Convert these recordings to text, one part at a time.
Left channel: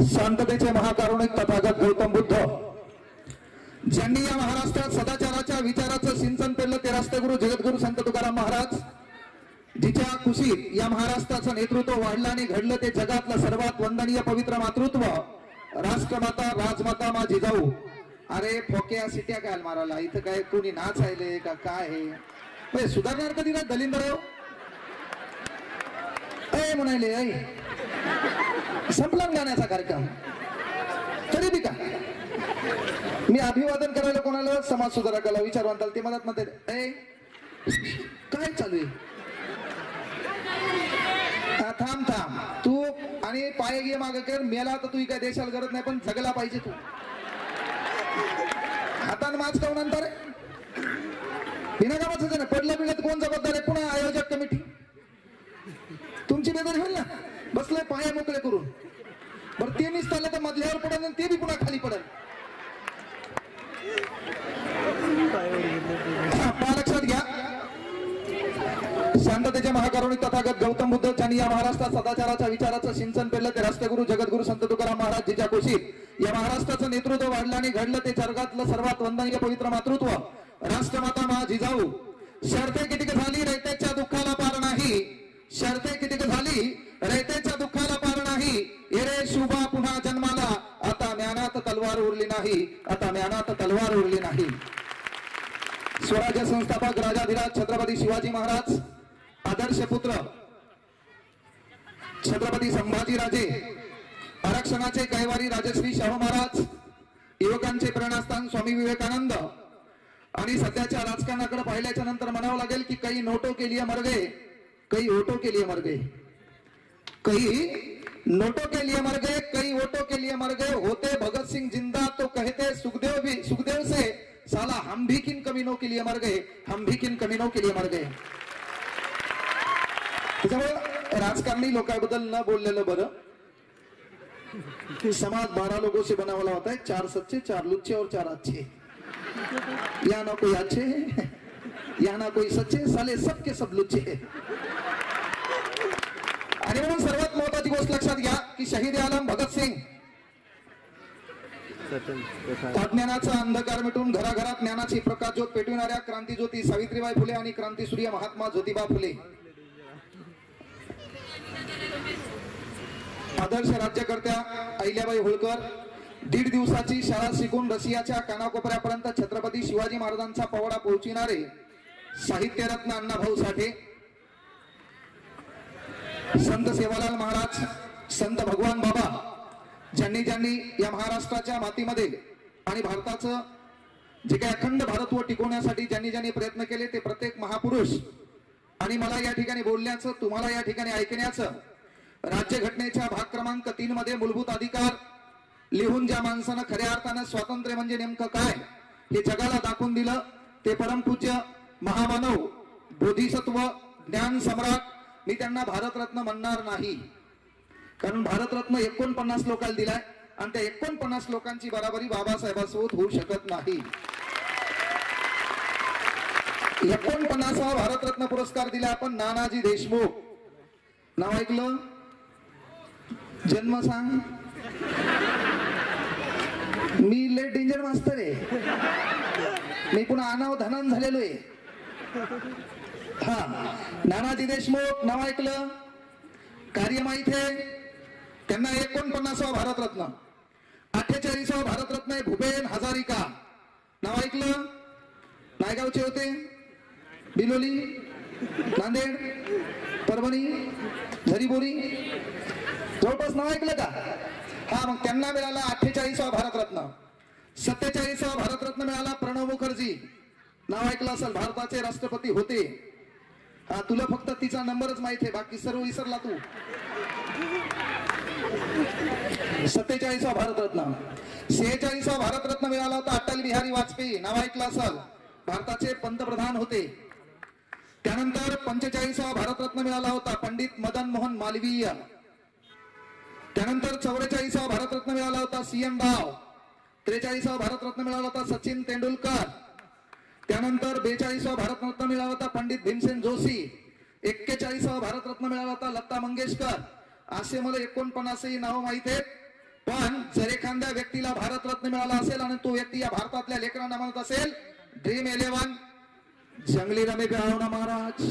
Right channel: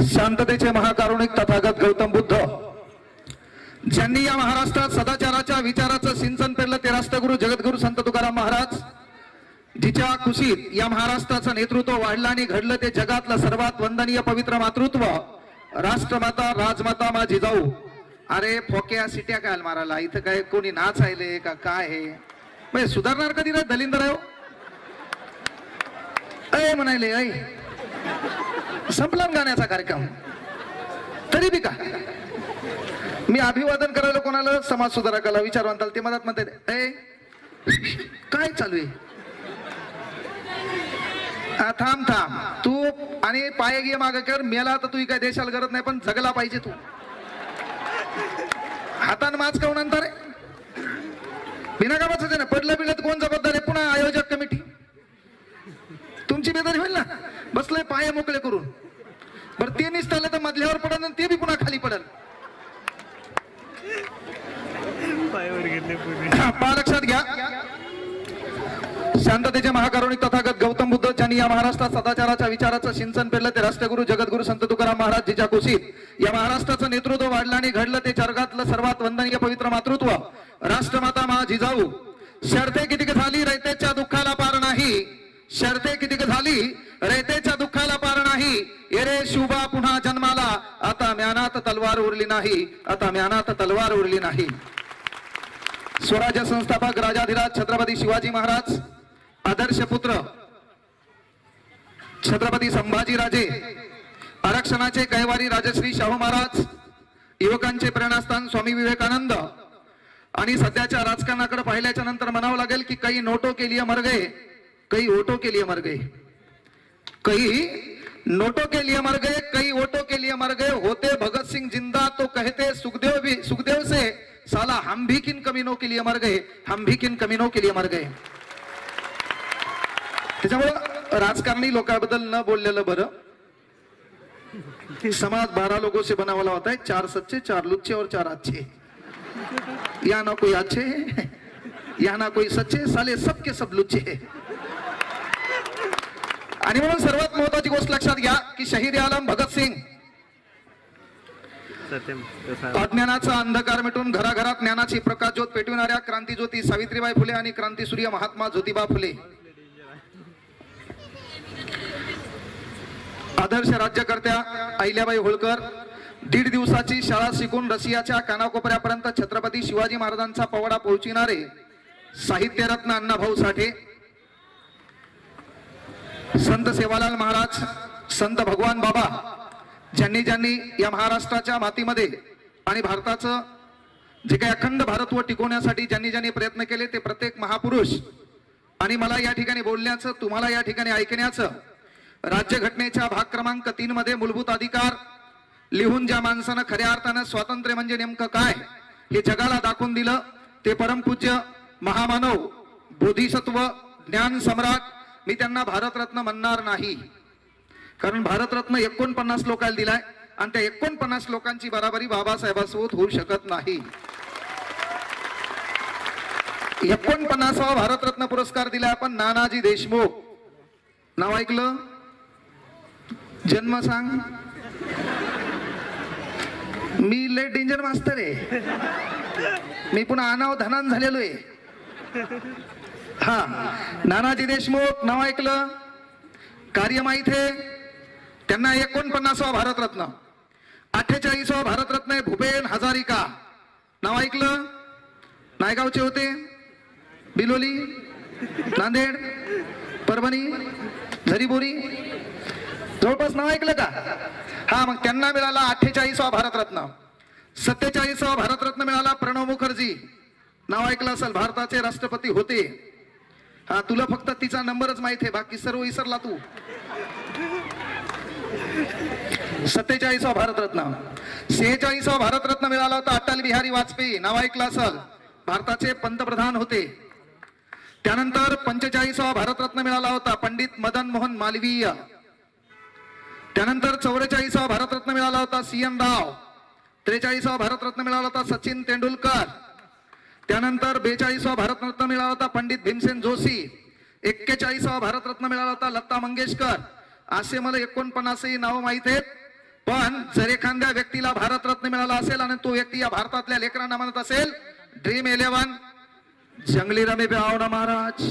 शांततेचे महाकारुणिक तथागत गौतम बुद्ध ज्यांनी या महाराष्ट्रात सदाचाराच्या विचाराचं सिंचन पेरलं ते राष्ट्रगुरु जगद्गुरु संत तुकाराम महाराज, जिच्या कुशीत या महाराष्ट्राचं नेतृत्व वाढलं आणि घडलं ते जगातलं सर्वात वंदनीय पवित्र मातृत्व राष्ट्रमाता राजमाता मा जिजाऊ. अरे फोक्या सिट्या काय मारायला इथं काय कोणी नाच आले का काय हे म्हणजे सुधारणार कधी रे दलिंदर आहे अय म्हणाले ऐ संपला गाण्याचा कार्यक्रम तरी बी का मी अभिवादन करायला कोणाला समाज सुधारकाला विचारवंताल ते मदत म्हणते ऐ काय चालू आहे थांब थांब तू आणि पाय घे माग कर मेला तर तू काय देशाला गरज नाही पण जगला पाहिजे तू हातान माच काऊन अंतर आहे बिना कामाचं ना पडलं बिडलं तर कोण जबाबदार आहे पुन्हा आयोजक कमिटी तुमची बेदारी होईल ना बसलंय पाय मोकळे करून बरं ते निसटलं तर मधल्यावर पडल आणि ते बी पुन्हा खाली पडल पहा लक्षात घ्या शांततेचे महाकारुणिक तथागत गौतम बुद्ध ज्यांनी या महाराष्ट्रात सदाचाराच्या विचाराचं सिंचन पेरलं ते राष्ट्रगुरु जगद्गुरु संत तुकाराम महाराज, जिच्या कुशीत या महाराष्ट्राचं नेतृत्व वाढलं आणि घडलं ते जगातलं सर्वात वंदनीय पवित्र मातृत्व राष्ट्रमाता मा जिजाऊ. शर्ते कितीक झाली रयतेच्या दुःखाला पार नाही, शर्ते कितीक झाली रयतेच्या दुःखाला पार नाही. एरे शुभा पुन्हा जन्माला आता म्यानात तलवार उरली नाही, आता म्यानात तलवार उरली नाही. स्वराज्य संस्थापक राजाधिराज छत्रपती शिवाजी महाराज, आदर्श पुत्र छत्रपती संभाजी राजे, आरक्षणाचे कैवारी राजश्री शाहू महाराज, युवकांचे प्रेरणास्थान स्वामी विवेकानंद. आणि सध्याच्या राजकारणाकडे पाहिल्याच्या नंतर म्हणावं लागेल की काही नोटो के लिए मर गए, कई वोटों के लिए मर गए, कई नोटों के लिए मर गए, कई वोटों के लिए मर गए. होते भगत सिंह जिंदा तो कहते सुखदेव से साला हम भी किन कमीनों के लिए मर गए, हम भी किन कमीनों के लिए मर गए. त्याच्यामुळे राजकारणी लोकांबद्दल न बोललेलं बरं. समाज 12 लोगों से बना वाला होता है, 4 सच्चे 4 लुच्चे और 4 अच्छे. या ना कोई अच्छे है या ना कोई सच्चे, साले सबके सब लुच्चे है. आणि म्हणून सर्वात महत्वाची गोष्ट लक्षात घ्या की शहीद आलम भगत सिंग अज्ञानाचा अंधकार मिटून घराघरात ज्ञानाची प्रकाश ज्योत पेटविणाऱ्या क्रांतीज्योती सावित्रीबाई फुले आणि क्रांतीसूर्य महात्मा ज्योतिबा फुले, आदर्श राज्यकर्त्या अहिल्याबाई होळकर, 1.5 दिवसाची शाळा शिकून रशियाच्या कानाकोपऱ्यापर्यंत छत्रपती शिवाजी महाराजांचा पवाडा पोहोचविणारे साहित्यरत्न अण्णाभाऊ साठे, संत सेवालाल महाराज, संत भगवान बाबा, ज्यांनी या महाराष्ट्राच्या मातीमध्ये आणि भारताचं जे काही अखंड भारतवर टिकवण्यासाठी ज्यांनी प्रयत्न केले ते प्रत्येक महापुरुष. आणि मला या ठिकाणी बोलण्याचं, तुम्हाला या ठिकाणी ऐकण्याचं, राज्यघटनेच्या भाग क्रमांक 3 मध्ये मूलभूत अधिकार लिहून ज्या माणसानं खऱ्या अर्थानं स्वातंत्र्य म्हणजे नेमकं काय हे जगाला दाखवून दिलं ते परमपूज्य महामानव बोधिसत्व ज्ञान सम्राट. मी त्यांना भारतरत्न म्हणणार नाही कारण भारतरत्न 49 लोकांना दिलाय आणि त्या 49 लोकांची बराबरी बाबासाहेबांसोबत होऊ शकत नाही. 49वा भारतरत्न पुरस्कार दिलाय आपण नानाजी देशमुख. नाव ऐकलं? जन्म सांग. मी लय डेंजर मास्तर आहे, मी पुन्हा अनाव धनान झालेलो आहे. हा नानाजी देशमुख नाव ऐकलं? कार्य माहित आहे? त्यांना 49वा भारतरत्न. 48वा भारतरत्न आहे भूपेन हजारिका. नाव ऐकलं? नायगावचे होते, बिलोली, नांदेड, परभणी, झरीबोरी जवळपास. नाव ऐकलं का? हा मग त्यांना मिळाला 48वा भारतरत्न. 47वा भारतरत्न मिळाला प्रणव मुखर्जी. नाव ऐकलं असेल, भारताचे राष्ट्रपती होते. हा तुला फक्त तिचा नंबरच माहित आहे, बाकी सर्व विसरला तू. 47वा भारतरत्न. 46वा भारतरत्न मिळाला होता अटल बिहारी वाजपेयी. नाव ऐकलं असेल, भारताचे पंतप्रधान होते. त्यानंतर 45वा भारतरत्न मिळाला होता पंडित मदन मोहन मालवीय. त्यानंतर 44वा भारतरत्न मिळाला होता CN राव. 43वा भारतरत्न मिळाला होता सचिन तेंडुलकर. त्यानंतर 42वा भारतरत्न मिळाला होता पंडित भीमसेन जोशी. 41वा भारतरत्न मिळाला होता लता मंगेशकर. असे मला 49ही नाव माहित आहेत. पण जर एखाद्या व्यक्तीला भारतरत्न मिळाला असेल आणि तो व्यक्ती या भारतातल्या लेकरांना म्हणत असेल ड्रीम 11 जंगली रमी पे आओ ना महाराज,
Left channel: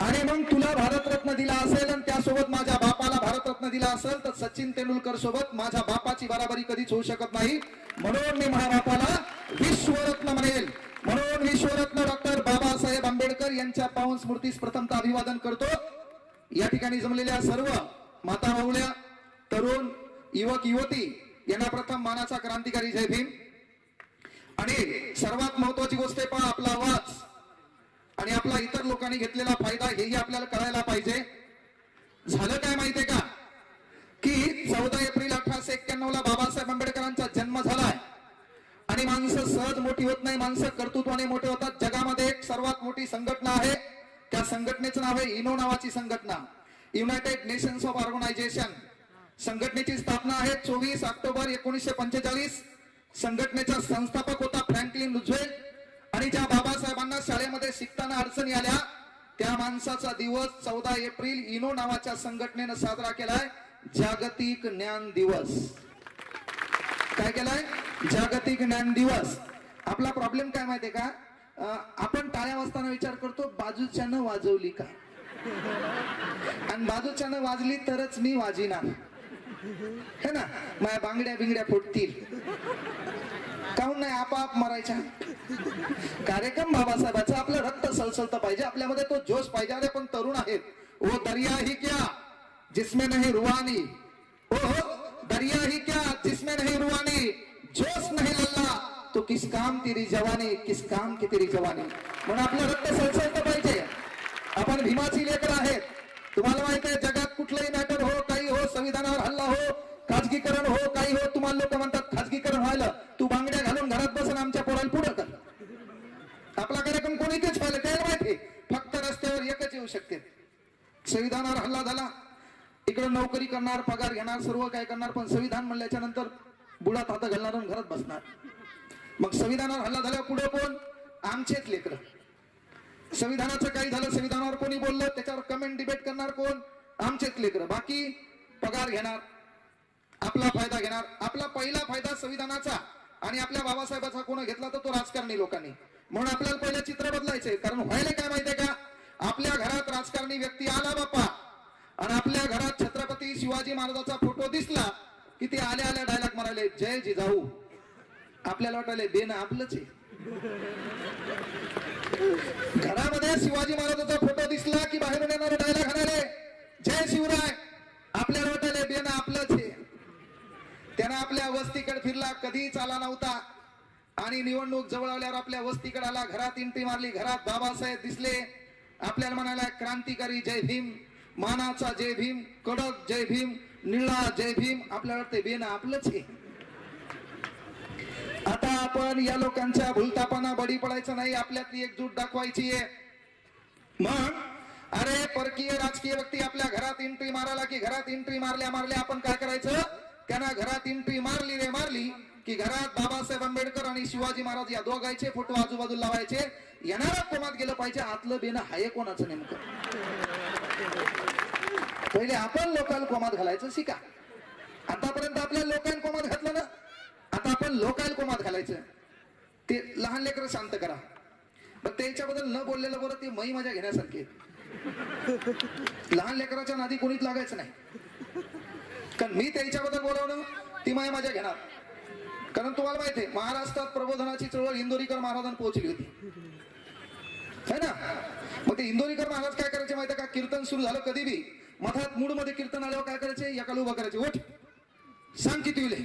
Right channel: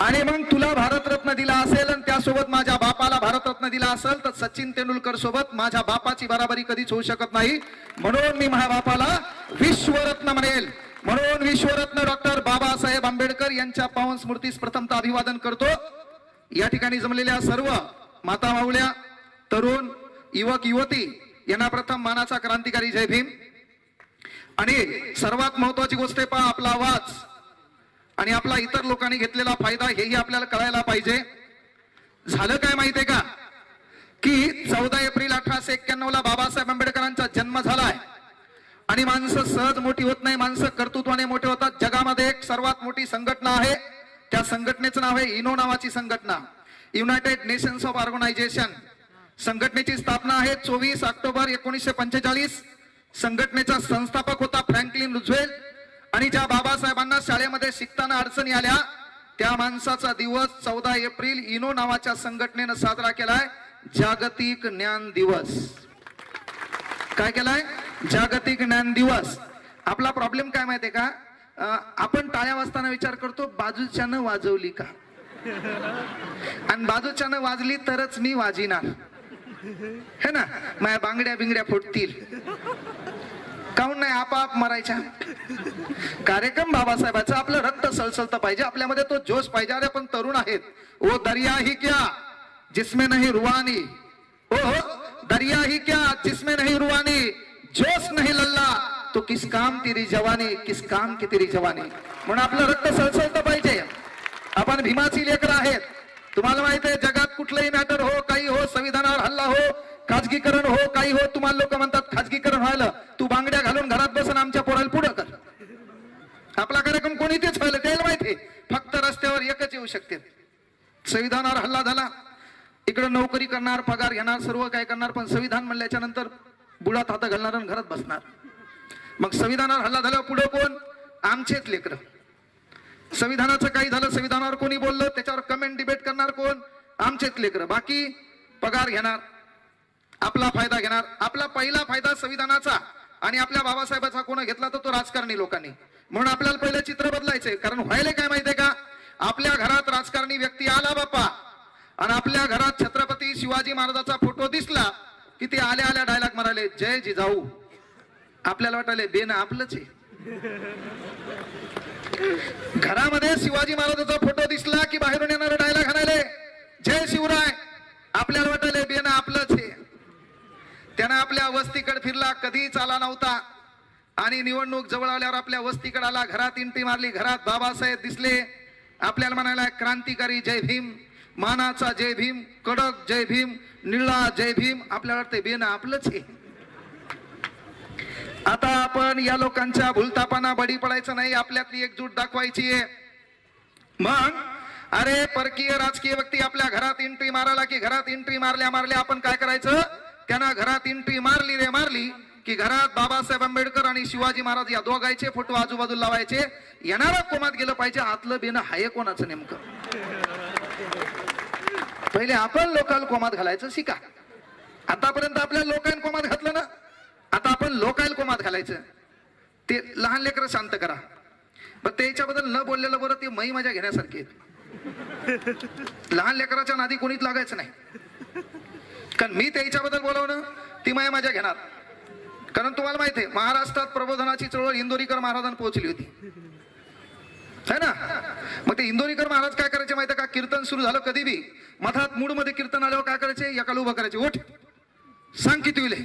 आणि मग तुला भारतरत्न दिला असेल आणि त्यासोबत माझ्या बापाला भारतरत्न दिला असेल तर सचिन तेंडुलकर सोबत माझ्या बापाची बराबरी कधीच होऊ शकत नाही. म्हणून मी माझ्या बापाला विश्वरत्न म्हणेल. म्हणून विश्वरत्न डॉक्टर बाबासाहेब आंबेडकर यांच्या पावन स्मृतीस प्रथमतः अभिवादन करतो. या ठिकाणी जमलेल्या सर्व माता माऊल्या, तरुण, युवक युवती यांना प्रथम मानाचा क्रांतिकारी जय भीम. आणि सर्वात महत्वाची गोष्ट आहे पहा, आपला आवाज आणि आपला इतर लोकांनी घेतलेला फायदा हेही आपल्याला कळायला पाहिजे. झालं काय माहितीये का की 14 एप्रिल 1891 ला बाबासाहेब आंबेडकरांचा जन्म झालाय आणि माणसं सहज मोठी होत नाही, माणसं कर्तृत्वाने मोठे होतात. जगामध्ये एक सर्वात मोठी संघटना आहे, त्या संघटनेचं नाव आहे इनो नावाची संघटना, युनायटेड नेशन्स ऑफ ऑर्गनायझेशन. संघटनेची स्थापना आहे 24 ऑक्टोबर 1945. संघटनेचा संस्थापक होता फ्रँकलिन रुझवेल्ट. आणि ज्या बाबासाहेबांना शाळेमध्ये शिकताना अडचणी आल्या त्या माणसाचा दिवस 14 एप्रिल इनो नावाच्या संघटनेनं साजरा केलाय जागतिक ज्ञान दिवस. काय केलाय? जागतिक ज्ञान दिवस. आपला प्रॉब्लेम काय माहितीये का, आपण टाळ्या वाजताना विचार करतो बाजूच्यानं वाजवली का, आणि बाजूच्यानं वाजली तरच मी वाजिणार है ना, माझ्या बांगड्या बिंगड्या फुटतील. काऊन नाही, आपाप मरायच्या. कार्यक्रम बाबासाहेबाचा, आपलं रक्त सळसळतं पाहिजे, आपल्यामध्ये तो जोश पाहिजे. अरे पण तरुण आहेत. ओ दरिया ही क्या जिसमें नहीं रुवानी, ओ दरिया ही क्या जिसमें नहीं रुवानी, जोश नहीं लल्ला तो किस काम तेरी जवानी, किस काम की तेरी जवानी. म्हणून आपलं रक्त सळसळतं पाहिजे. आपण भीमाची लेकर आहेत. तुम्हाला माहित आहे जगात कुठलंही मॅटर हो, काही हो, संविधानावर हल्ला हो, खाजगीकरण हो, काही हो, तुम्हाला लोक म्हणतात खाजगीकरण व्हायला, तू बांगड्या घालून घरात बसून आमच्या पोराला पुढं कर. आपला कार्यक्रम कोणी तेच व्हायला त्याला माहिती, फक्त रस्त्यावर एकच येऊ शकते. संविधानावर हल्ला झाला, इकडे नोकरी करणार, पगार घेणार, सर्व काय करणार, पण संविधान म्हणल्याच्या नंतर बुडात हात घालणार आणि घरात बसणार. मग संविधानावर हल्ला झाल्यावर पुढे कोण? आमचेच लेकर. संविधानाचं काही झालं, संविधानावर कोणी बोललं त्याच्यावर कमेंट डिबेट करणार कोण? आमचेच लेकर. बाकी पगार घेणार, आपला फायदा घेणार. आपला पहिला फायदा संविधानाचा आणि आपल्या बाबासाहेबाचा कोण घेतला तर तो राजकारणी लोकांनी. म्हणून आपल्याला पहिलं चित्र बदलायचंय. कारण व्हायला काय माहितीये का, आपल्या घरात राजकारणी व्यक्ती आला बाप्पा आणि आपल्या घरात छत्रपती शिवाजी महाराजाचा फोटो दिसला की ते आल्या आल्या डायलॉग मारायले जय जिजाऊ. आपल्याला वाटायले बेन आपलंच आहे. घरामध्ये शिवाजी महाराजाचा फोटो दिसला की बाहेरून येणारे डायलॉग हाणायले जय शिवराय. आपल्याला वाटायले बेन आपलंच आहे. त्यानं आपल्या वस्तीकडे फिरला, कधीच आला नव्हता, आणि निवडणूक जवळ आल्यावर आपल्या वस्तीकडे आला, घरात एंट्री मारली, घरात बाबासाहेब दिसले, आपल्याला म्हणायला क्रांतिकारी जय भीम, मानाचा जय भीम, कडक जय भीम, निळा जय भीम. आपल्याला वाटतंय बेन आपलंच आहे. आता आपण या लोकांच्या भूलतापांना बळी पडायचं नाही, आपल्यातली एकजूट दाखवायची आहे. मग अरे परकीय राजकीय व्यक्ती आपल्या घरात एंट्री मारायला की घरात एंट्री मारल्या मारल्या आपण काय करायचं, त्यांना घरात एंट्री मारली रे मारली की घरात बाबासाहेब आंबेडकर आणि शिवाजी महाराज या दोघांचे फोटो आजूबाजूला लावायचे. येणारा कोमात गेलं पाहिजे, आतलं बेन हाय कोणाचं नेमकं. पहिले आपण लोकांना कोमात घालायचं शिका. आतापर्यंत आपल्या लोकांना कोमात घातलं ना, आता आपण लोकांना कोमात घालायचं. ते लहान लेकरं शांत करा. पण त्याच्याबद्दल न बोललेलं बरं, ते मै मजा घेण्यासारखे. लहान लेकराच्या नादी कोणीच लागायचं नाही. कारण मी त्याच्याबद्दल बोलवणं ती माय माझ्या घेणार. कारण तुम्हाला माहिती आहे महाराष्ट्रात प्रबोधनाची चळवळ इंदोरीकर महाराजांना पोहोचली होती है ना. मग ते इंदोरीकर महाराज काय करायचे माहिती का, कीर्तन सुरू झालं कधी बी मधात मूड मध्ये कीर्तन आल्यावर काय करायचे, एकाला उभं करायचे, ओठ सांग किती विले.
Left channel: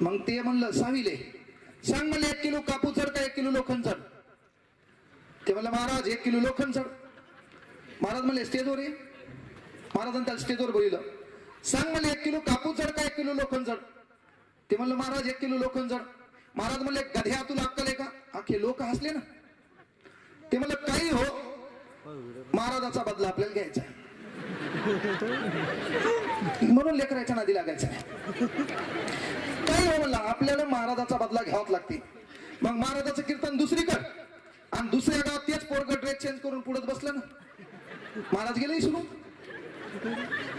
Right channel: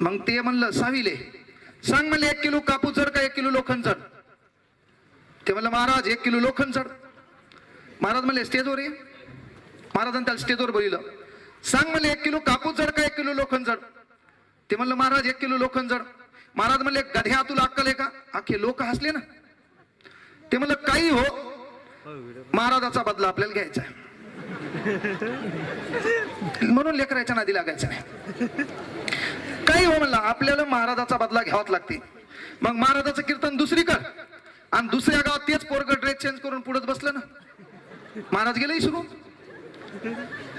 मग ते म्हणलं 6 विले. सांग म्हणले 1 किलो कापूस जड का 1 किलो लोखंड जड. ते म्हणलं महाराज 1 किलो लोखंड जड. महाराज म्हणले स्टेजवर ये. महाराजांनी त्याला स्टेजवर बोलिलं. सांग म्हणले 1 किलो कापूस जड का 1 किलो लोखंड जड. ते म्हणलं महाराज 1 किलो लोखंड जड. महाराज म्हणले गध्या तुला अक्कल आहे का. अख्खे लोक हसले ना. ते म्हणलं काही हो, महाराजाचा बदला आपल्याला घ्यायचा आहे. म्हणून लेकराच्या नादी लागायचं नाही. काही हो म्हणला, आपल्याला महाराजाचा बदला घ्यावाच लागते. मग महाराजाचं कीर्तन दुसरी कर आणि दुसऱ्या गावात तेच पोरग ड्रेस चेंज करून पुढेच बसलं ना. महाराज गेले सुरू.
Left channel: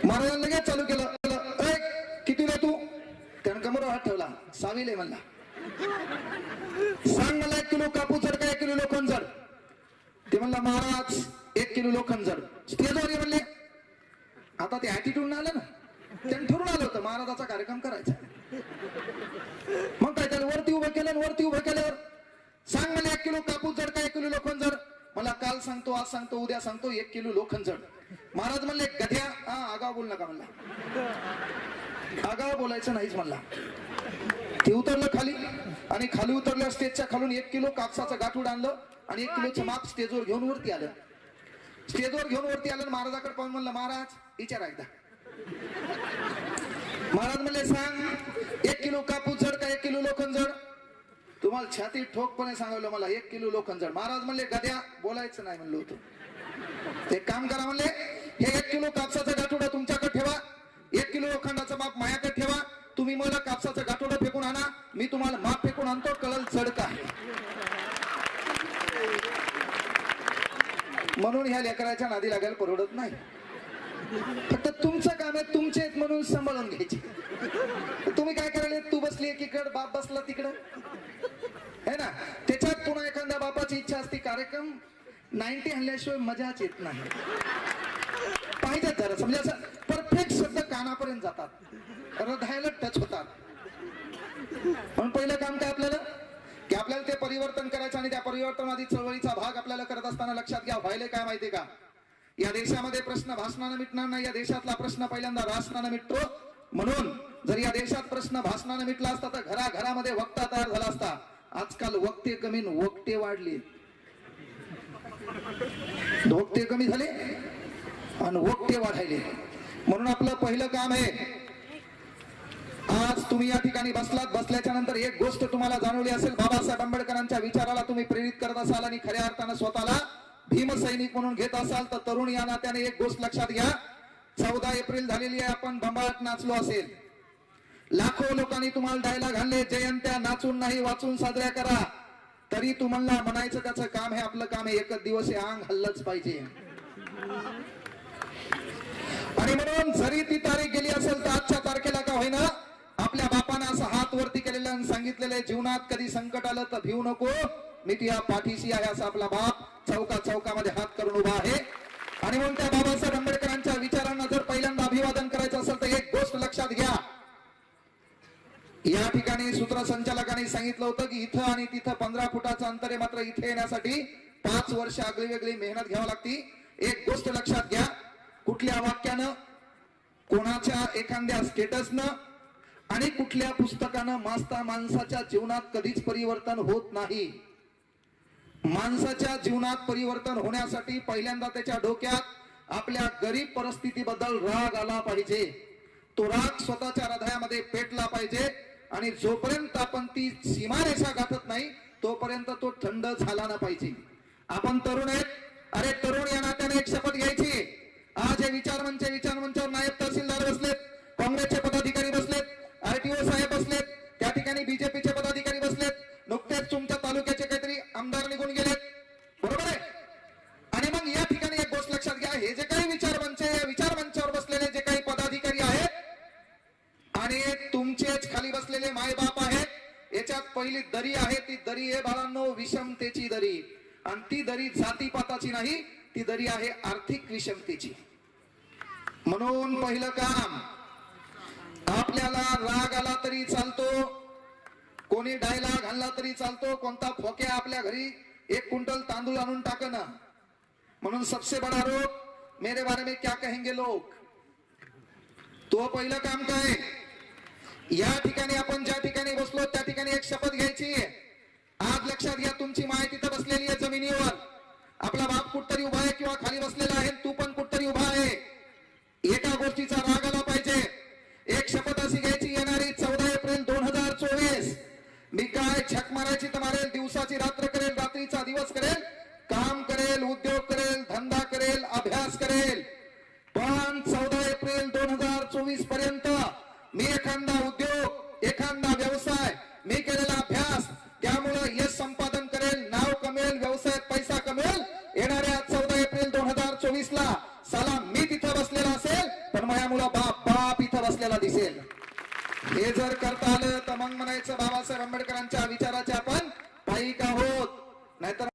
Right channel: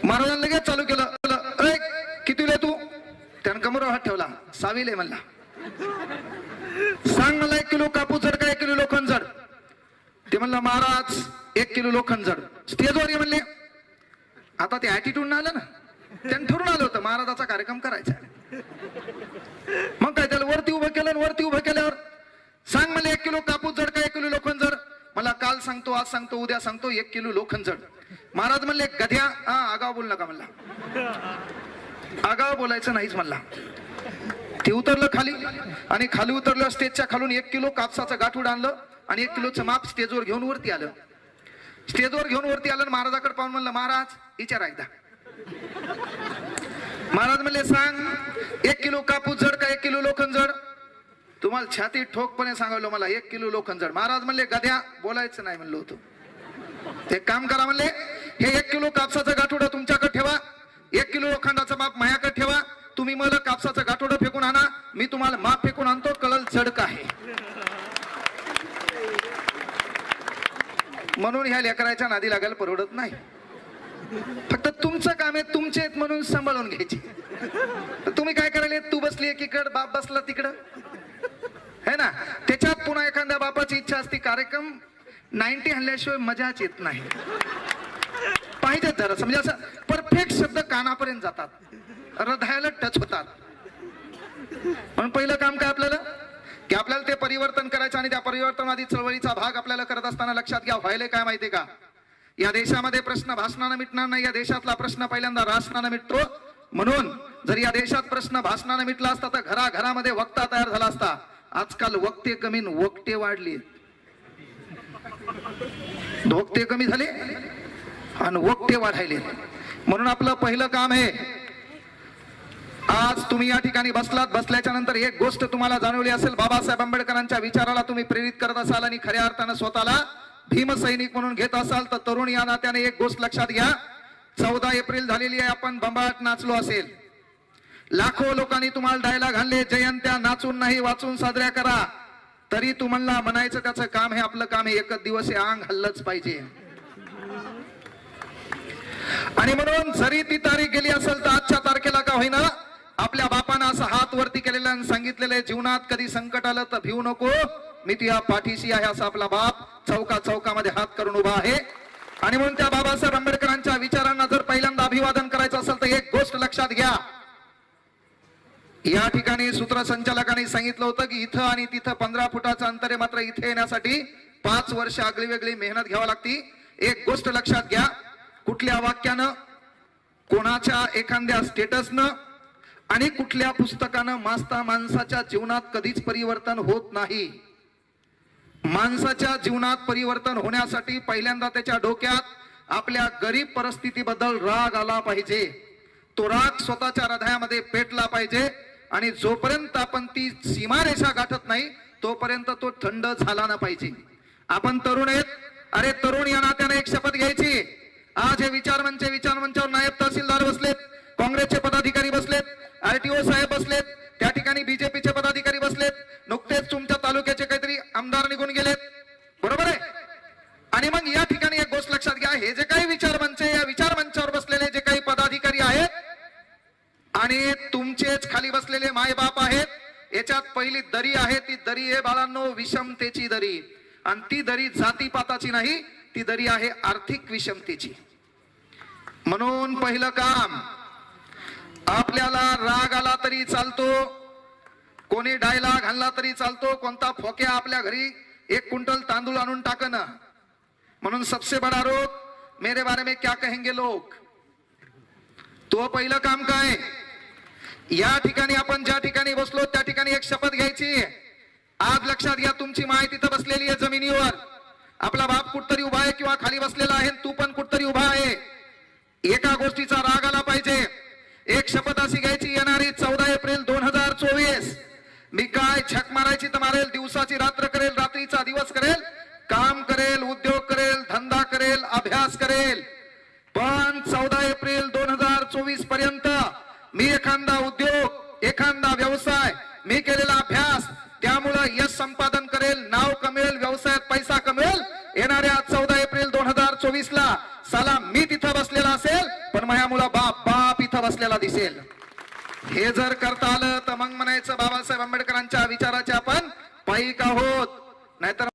महाराजांनी लगेच चालू केलं, "ऐ, कितीला आहे तू?" त्यानं कमरेवर हात ठेवला. "6वीला आहे" म्हणला. "सांग मला 1 किलो कापूस जड का 1 किलो लोखंड जड?" ते म्हणलं, "महाराज 1 किलो लोखंड जड." स्टेजवर ये म्हणले. आता ते ऍटिट्यूड आलं ना, त्यानं ठरून आलं होतं महाराजाचा कार्यक्रम करायचा. मग काय, त्याला वरती उभं केलं आणि वरती उभं केल्यावर सांग मला 1 किलो कापूस जड का 1 किलो लोखंड जड? मला काल सांगतो, आज सांगतो, उद्या सांगतो, 1 किलो लोखंड जड. महाराज म्हणले, "गध्या, आगाव बोल नका" म्हणला. आगाव बोलायचं नाहीच म्हणला. ते उतरलं खाली आणि खाली उतरलं, स्टेजच्या खालून 1 किलो कापसाचं गाठूड आणलं आणि 1 किलोचं माप स्टेजवर घेऊन वरती आलं. स्टेजवर घेऊन वरती आलं, महाराजाकडे पाहून म्हणलं, "महाराज विचारा एकदा." महाराज म्हणले, "सांग 1 किलो कापूस जड का 1 किलो लोखंड जड?" तुम्हाला छाती ठोकपणे सांगायलो, मला 1 किलो लोखंड जड. महाराज म्हणले, "गध्या, बोलायचं नाही म्हणलो होतो." एक काम करा म्हणले, "हे 1 किलो कापसाचं गाठोडं तुमच्याकडे ठेवा, 1 किलो लोखंडाचं माप माझ्याकडे ठेवा. तुम्ही मला कापसाचं गाठोडं फेकून आणा, मी तुम्हाला माप फेकून आणतो, कळल जड का आहे." म्हणून ह्या लेकराच्या नादी लागायला परवडत नाही. फक्त तुमचं काम आहे, तुमचे आहेत म्हणून सांभाळून घ्यायची. तुम्ही काय करायला, तू बसली एकीकडे, बाप बसला तिकडं, है ना. त्याच्यात पुन्हा एखाद्या बापाची इच्छा असते, कार्यक्रम 90 हल्ल्याशिवाय मजाच येत नाही. पाहिजे जरा, म्हणजे असं परफेक्ट शब्द कानापर्यंत जातात, हृदयाला टच होतात. म्हणून पहिलं काम काय आपल्याला, की आपल्याला ते परिवर्तन करायचं आणि त्या परिवर्तनवादी चळवळीचा भाग आपल्याला करत असताना लक्षात घ्या, व्हायला काय माहितीये का, या देशामध्ये प्रश्न भाषणानं मिटणार नाही. या देशातला प्रश्न पहिल्यांदा राष्ट्रानं मिटतो. म्हणून जर या देशात प्रश्न भाषणानं मिटला असता तर घराघरामध्ये वक्ता तयार झाला असता. आजकाल वक्ते कमी वक्ते वाढले, वक्ते कमी झाले आणि वक्ते वाढायले. म्हणून आपलं पहिलं काम आहे, आज तुम्ही या ठिकाणी बसलात, बसल्याच्या नंतर एक गोष्ट तुम्हाला जाणवली असेल, बाबासाहेब आंबेडकरांच्या विचाराला तुम्ही प्रेरित करत असाल आणि खऱ्या अर्थानं स्वतःला भीमसैनिक म्हणून घेत असाल तर तरुण या नात्याने एक गोष्ट लक्षात घ्या, 14 एप्रिल झालेली आहे, आपण बंबाट नाचलो असेल, लाखो लोकांनी तुम्हाला डायलॉग आणले, जयंत्या नाचून नाही वाचून साजऱ्या करा, तरी तुम्हाला म्हणायचं त्याचं काम हे आपलं काम आहे, एकच दिवस हे अंग हल्लच पाहिजे. आणि म्हणून जरी ती तारीख गेली असेल तर आजच्या तारखेला का होईना आपल्या बापानं असं हात वरती केलेलं आणि सांगितलेलं, जीवनात कधी संकट आलं तर भिवू नको, मी तुझ्या पाठीशी आहे. असा आपला बाप चौकामध्ये हात करून उभा आहे. आणि म्हणून त्या बाबासाहेब आंबेडकरांच्या विचारांना जर पहिल्यांदा अभिवादन करायचं असेल तर एक गोष्ट लक्षात घ्या, या ठिकाणी सूत्रसंचालकांनी सांगितलं होतं की इथं आणि तिथं 15 फुटाचं अंतर आहे, मात्र इथे येण्यासाठी 5 वर्ष आगळी वेगळी मेहनत घ्यावी लागती. एक गोष्ट लक्षात घ्या, कुठल्या वाक्यानं, कोणाच्या एखाद्या स्टेटसनं आणि कुठल्या पुस्तकानं माणसाच्या जीवनात कधीच परिवर्तन होत नाही. माणसाच्या जीवनात परिवर्तन होण्यासाठी पहिल्यांदा त्याच्या डोक्यात आपल्या गरीब परिस्थितीबद्दल राग आला पाहिजे. तो राग स्वतःच्या हृदयामध्ये पेटला पाहिजे आणि जोपर्यंत आपण ती सीमारेषा गाठत नाही तोपर्यंत तो थंड झाला ना पाहिजे. आपण तरुण आहेत, अरे तरुण या नात्याने एक शपथ घ्यायची. आज हे विचारमंचावर नायब तहसीलदार बसलेत, काँग्रेसचे पदाधिकारी बसलेत, RTO साहेब बसलेत, त्या ठिकाणी बीजेपीचे पदाधिकारी बसलेत, नुकतेच तुमच्या तालुक्याचे काहीतरी आमदार निघून गेलेत, बरोबर आहे. आणि मग या ठिकाणी एक गोष्ट लक्षात घ्या, हे जे काही विचारमंच आहे, या विचारमंचावर बसलेले जे काही पदाधिकारी आहेत आणि तुमचेच खाली बसलेले मायबाप आहेत, याच्यात पहिली दरी आहे, ती दरी आहे बाळांनो विषमतेची दरी. आणि ती दरी जातीपाताची नाही, ती दरी आहे आर्थिक विषमतेची. म्हणून पहिलं काम, आपल्याला राग आला तरी चालतो, कोणी डायलॉग आणला तरी चालतो, कोणता फोक्या आपल्या घरी 1 क्विंटल तांदूळ आणून टाकणं. म्हणून सबसे बडा रोग, मेरे बारे में क्या कहेंगे लोग, तो पहिलं काम काय. या ठिकाणी आपण ज्या ठिकाणी बसलो त्या ठिकाणी एक शपथ घ्यायची. आज लक्षात घ्या, तुमची माय तिथं बसलेली आहे जमिनीवर, आपला बाप कुठतरी उभा आहे किंवा खाली बसलेला आहे, तू पण कुठतरी उभा आहे. एका गोष्टीचा राग आला पाहिजे. एक शपथ अशी घ्यायची, येणारी 14 एप्रिल 2024 मी काय झक मारायची तर मारेल, दिवसाची रात्र करेल, रात्रीचा दिवस करेल, काम करेल, उद्योग करेल, धंदा करेल, अभ्यास करेल, पण 14 एप्रिल 2024 पर्यंत मी एखादा उद्योग, एखादा व्यवसाय, मी केलेला अभ्यास त्यामुळं यश संपादन करेल, नाव कमेल, व्यवसायात पैसा कमेल. येणाऱ्या 14 एप्रिल 2024 ला साला मी तिथं बसलेला असेल, पण माझ्या मुला बाप इथं बसलेला दिसेल. हे जर करता आलं तर मग म्हणायचं बाबासाहेब आंबेडकरांच्या विचाराचे आपण पाईक आहोत. नाहीतर